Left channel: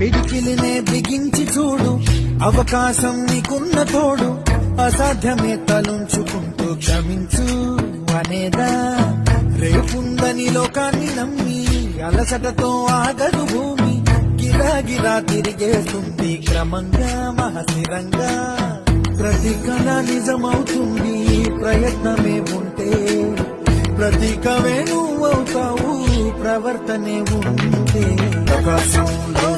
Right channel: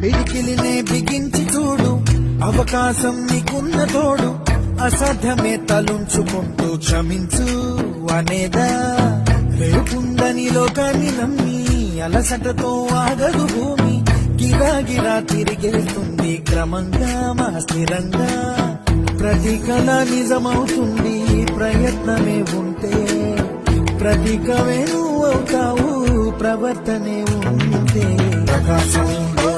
పిడికిలినే బిగించి చూడు, అవకాశం నీకున్న తోడు, అసాధ్యమే తలుంచుకుంటూ క్షమించు అనేదా. రేపుందని లోకాన్ని నమ్మి అలసటతో ఆగదు భూమి, గిరాగిరా తిరిగేస్తుంది క్రమంగా మనస్థిరంగా. ప్రతి కళ నిజమవుతుంది ప్రయత్నమే ఉంటే, ప్రతీకవే నువ్వు అవుతావు ప్రవర్తనే ఉంటే. ఆకాశంలో